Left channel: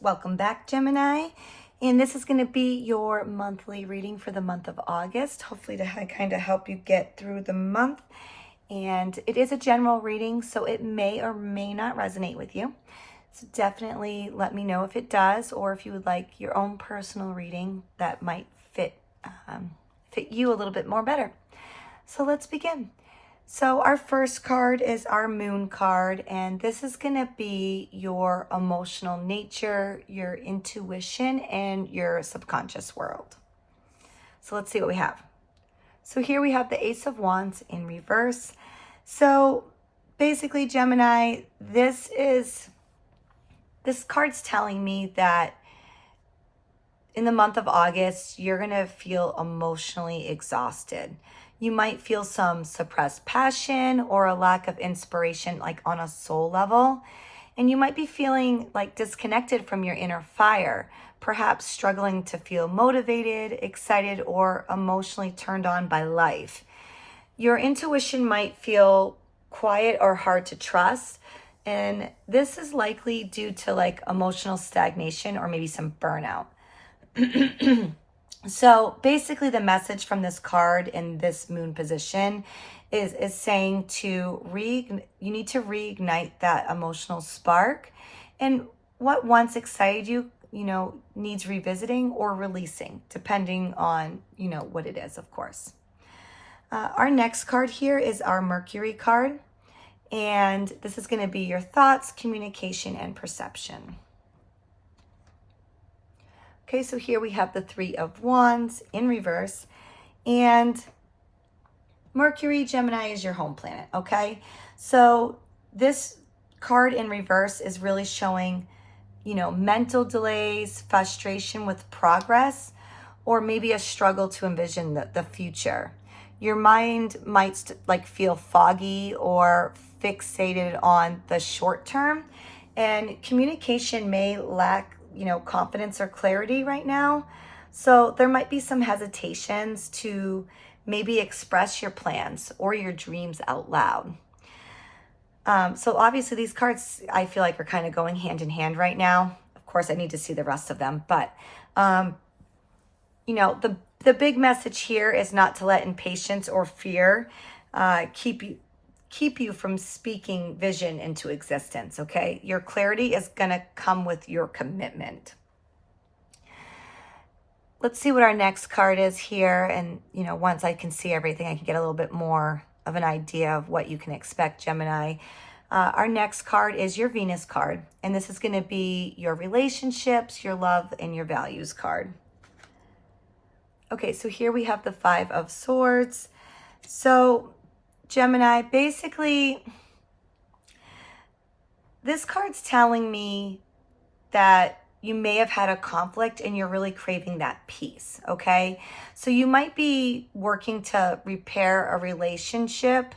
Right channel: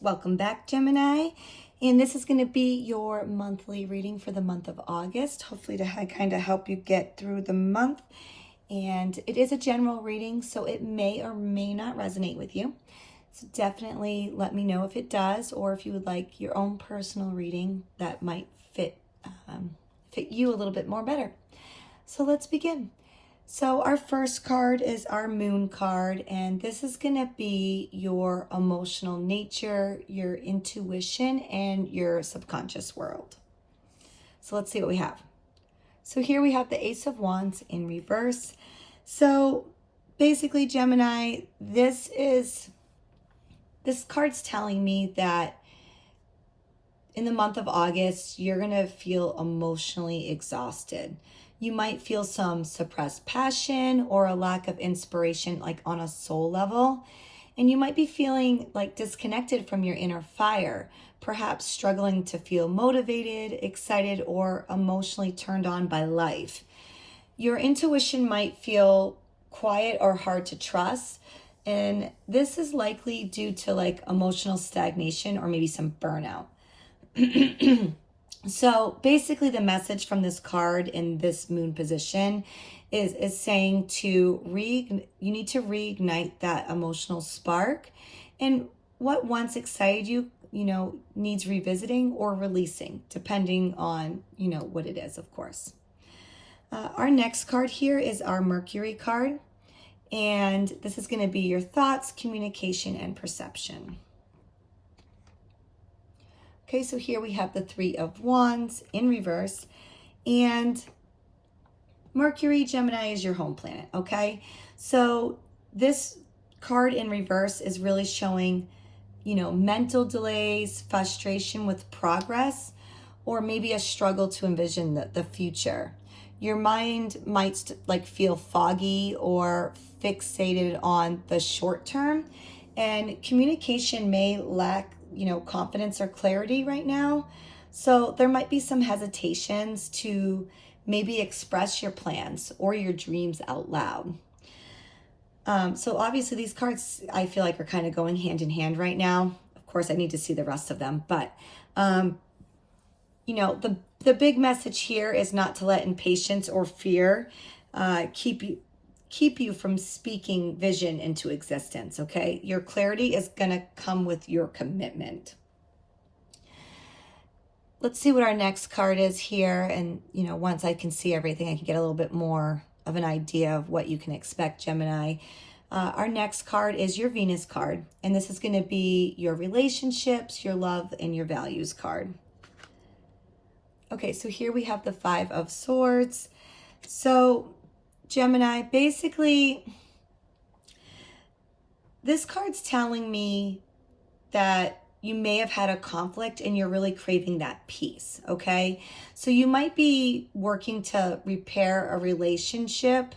Welcome back, Gemini. And this is going to be your monthly reading for the month of August, hopefully to kind of help you get through the month. And it is a general reading, so it may or may not resonate with you. So definitely let me know if it does, or if you would like your own personal reading that might fit you a little bit more better. So let's begin. So our first card is our moon card, and this is going to be your emotional nature, your intuition, and your subconscious world. So let's see what we have. So here we have the Ace of Wands in reverse. So basically, Gemini, this card's telling me that in the month of August, you're going to feel emotionally exhausted. You might feel some suppressed passion or a lack of inspiration, like on a soul level. And you might be feeling like disconnected from your inner fire, perhaps struggling to feel motivated, excited, or emotionally turned on by life. Your intuition might feel quiet or hard to trust. And this is likely due to like emotional stagnation or maybe some burnout. So basically the message from this card in this moon position is saying you need to reignite that emotional spark, and what once excited you, needs revisiting or releasing, depending on, what it is, of course. Our next card here is our Mercury card, and this is going to be your thoughts, communication, and perception. Okay, so here we have the Three of Wands in reverse, and Mercury, Gemini, is your home planet, okay? So this card in reverse is really showing, mental delays, frustration with progress, or maybe a struggle to envision the future. Your mind might feel foggy or fixated on the short term, and communication may lack confidence or clarity right now. So there might be some hesitations to maybe express your plans or your dreams out loud. So obviously these cards, I feel like, are kind of going hand in hand right now. Of course, I need to see the rest of them, but the big message here is not to let impatience or fear keep you from speaking vision into existence, okay? Your clarity is going to come with your commitment. Let's see what our next card is here. And, once I can see everything, I can get a little bit more of an idea of what you can expect, Gemini. Our next card is your Venus card. And this is going to be your relationships, your love, and your values card. Okay, so here we have the Five of Swords. So Gemini, basically, this card's telling me that you may have had a conflict and you're really craving that peace, okay? So you might be working to repair a relationship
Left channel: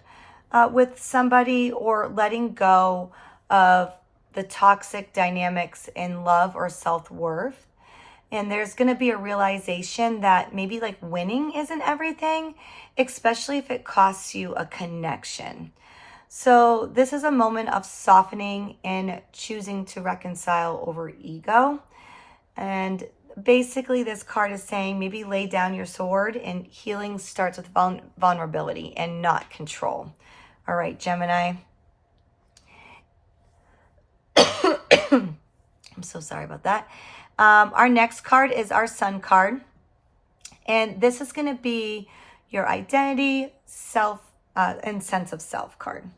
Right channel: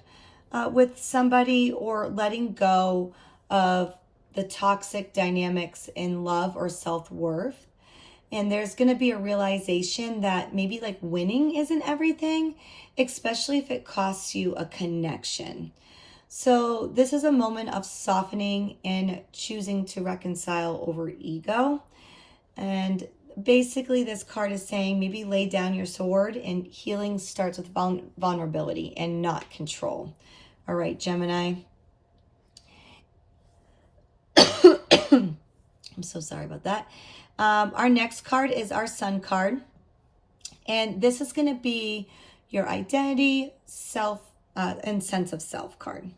with somebody, or letting go of the toxic dynamics in love or self-worth. And there's going to be a realization that maybe winning isn't everything, especially if it costs you a connection. So this is a moment of softening and choosing to reconcile over ego. And basically this card is saying maybe lay down your sword, and healing starts with vulnerability and not control. All right, Gemini. I'm so sorry about that. Our next card is our Sun card. And this is going to be your identity, self, and sense of self card.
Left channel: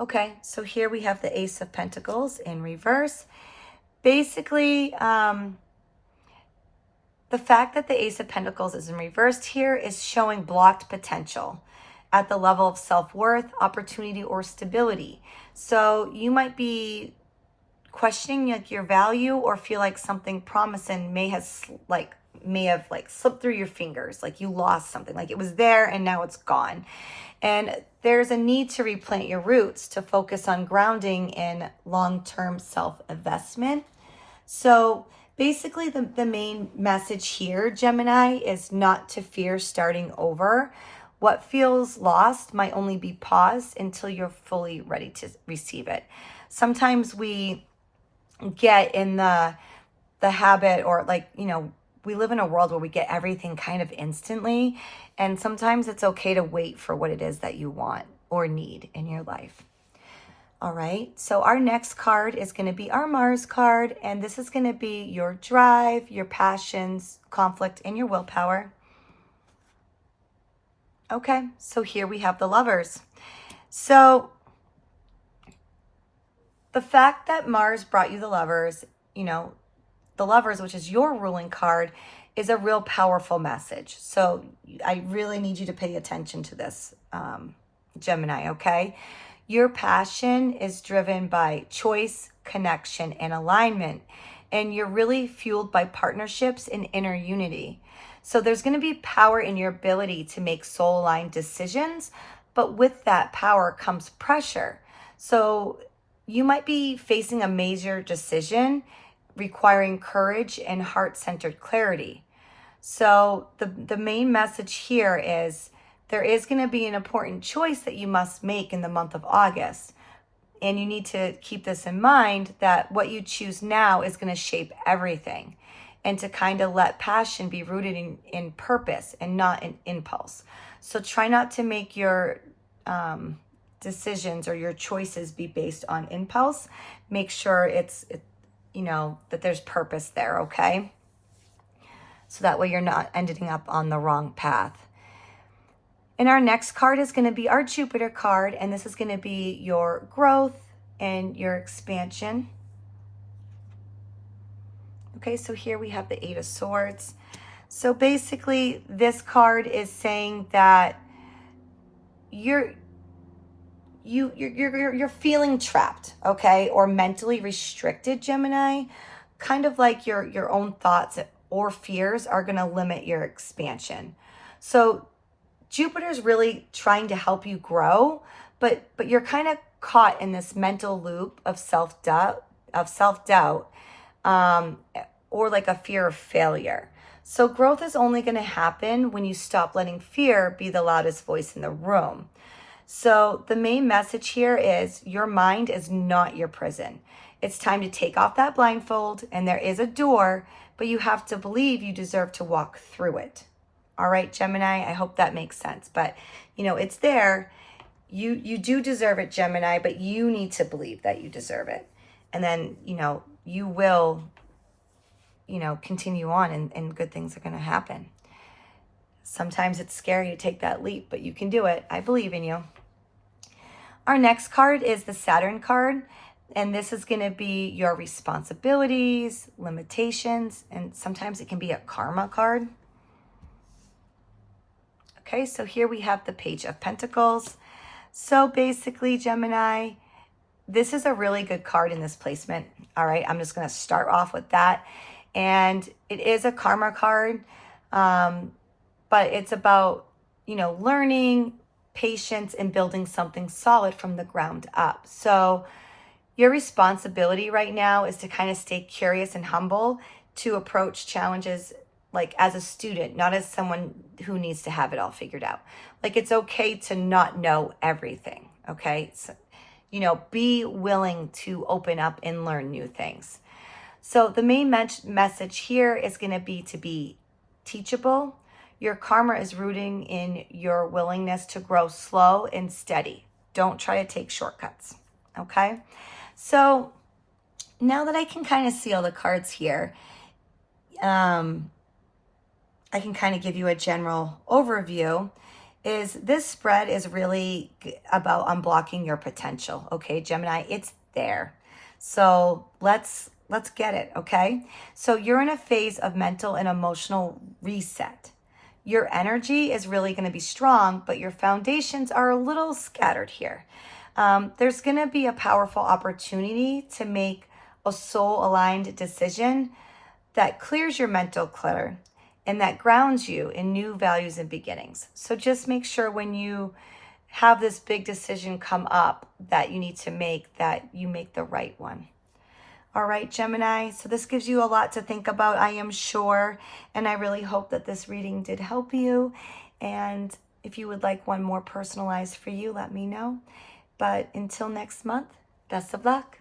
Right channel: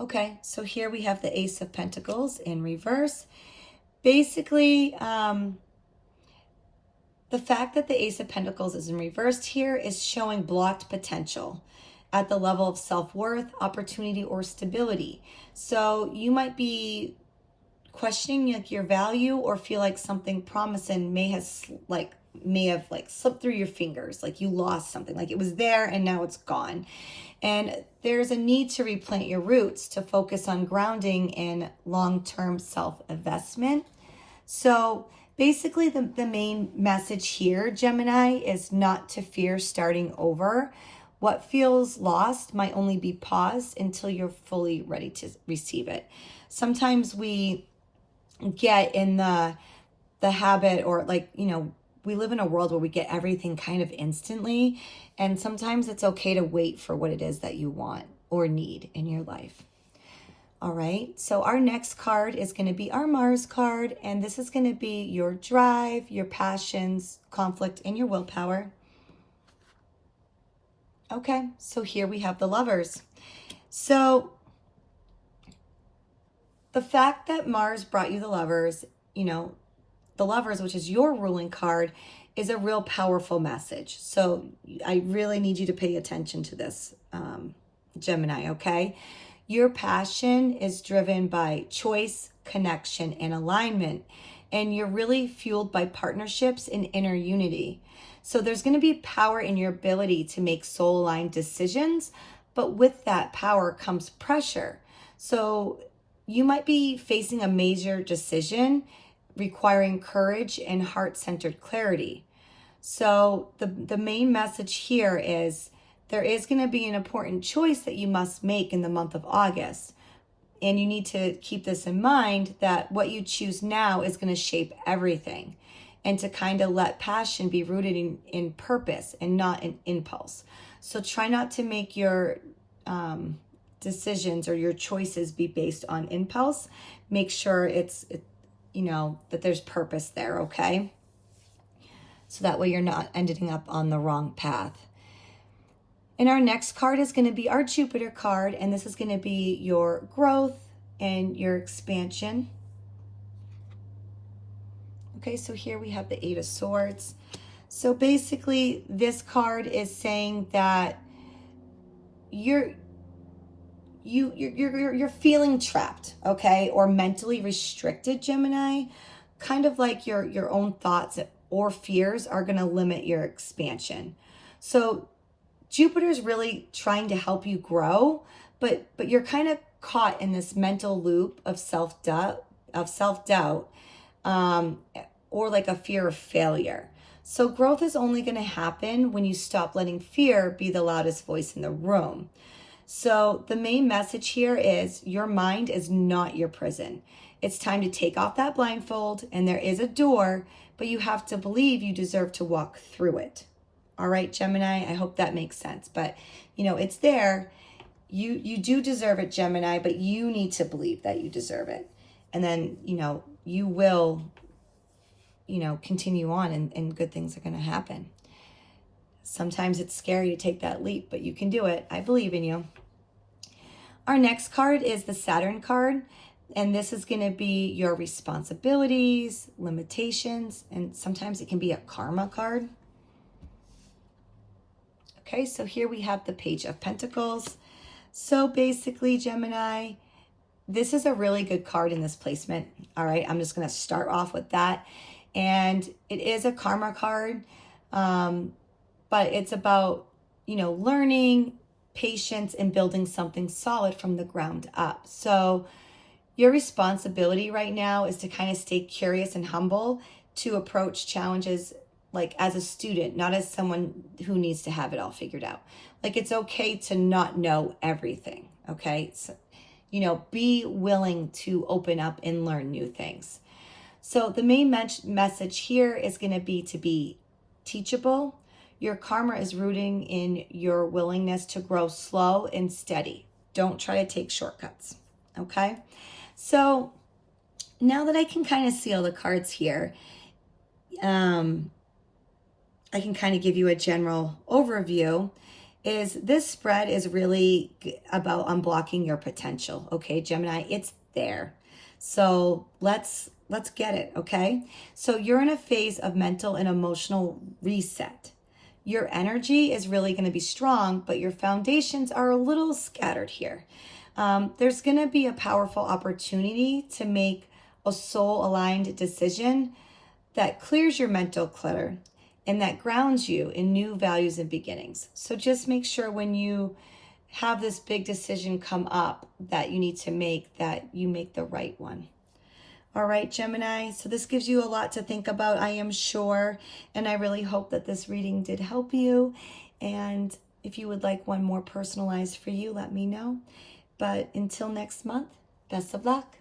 Okay, so here we have the Ace of Pentacles in reverse. Basically, the fact that the Ace of Pentacles is in reverse here is showing blocked potential at the level of self-worth, opportunity, or stability. So you might be questioning your value, or feel like something promising may have slipped through your fingers, like you lost something, like it was there and now it's gone. And there's a need to replant your roots, to focus on grounding in long-term self-investment. So basically the main message here, Gemini, is not to fear starting over. What feels lost might only be paused until you're fully ready to receive it. Sometimes we get in the habit, or like, we live in a world where we get everything kind of instantly. And sometimes it's okay to wait for what it is that you want or need in your life. All right, so our next card is going to be our Mars card, and this is going to be your drive, your passions, conflict, and your willpower. Okay, so here we have the Lovers. So the fact that Mars brought you the Lovers, the Lovers, which is your ruling card, is a real powerful message. So I really need you to pay attention to this, Gemini, okay? Your passion is driven by choice, connection, and alignment. And you're really fueled by partnerships and inner unity. So there's going to be power in your ability to make soul-aligned decisions. But with that power comes pressure. So you might be facing a major decision requiring courage and heart-centered clarity. So the main message here is there is going to be an important choice that you must make in the month of August. And you need to keep this in mind, that what you choose now is going to shape everything. And to kind of let passion be rooted in purpose and not in impulse. So try not to make your decisions or your choices be based on impulse. Make sure that there's purpose there, okay? So that way you're not ending up on the wrong path. And our next card is going to be our Jupiter card, and this is going to be your growth and your expansion. Okay, so here we have the Eight of Swords. So basically, this card is saying that you're feeling trapped, okay, or mentally restricted, Gemini. Kind of like your own thoughts or fears are going to limit your expansion. So Jupiter's really trying to help you grow, but you're kind of caught in this mental loop of self-doubt, or like a fear of failure. So growth is only going to happen when you stop letting fear be the loudest voice in the room. So the main message here is your mind is not your prison. It's time to take off that blindfold, and there is a door, but you have to believe you deserve to walk through it. All right, Gemini, I hope that makes sense. But, it's there. You do deserve it, Gemini, but you need to believe that you deserve it. And then, you will, continue on, and good things are going to happen. Sometimes it's scary to take that leap, but you can do it. I believe in you. Our next card is the Saturn card. And this is going to be your responsibilities, limitations, and sometimes it can be a karma card. Okay, so here we have the Page of Pentacles. So basically, Gemini, this is a really good card in this placement. All right, I'm just going to start off with that. And it is a karma card, but it's about, learning, patience, and building something solid from the ground up. So your responsibility right now is to kind of stay curious and humble, to approach challenges like as a student, not as someone who needs to have it all figured out. Like, it's okay to not know everything, okay? So, be willing to open up and learn new things. So the main message here is going to be teachable. Your karma is rooting in your willingness to grow slow and steady. Don't try to take shortcuts, okay? So now that I can kind of see all the cards here, I can kind of give you a general overview. Is this spread is really about unblocking your potential, okay, Gemini? It's there. So let's get it, okay? So you're in a phase of mental and emotional reset. Your energy is really going to be strong, but your foundations are a little scattered here. There's going to be a powerful opportunity to make a soul-aligned decision that clears your mental clutter and that grounds you in new values and beginnings. So just make sure when you have this big decision come up that you need to make, that you make the right one. All right, Gemini, so this gives you a lot to think about, I am sure, and I really hope that this reading did help you. And if you would like one more personalized for you, let me know. But until next month, best of luck.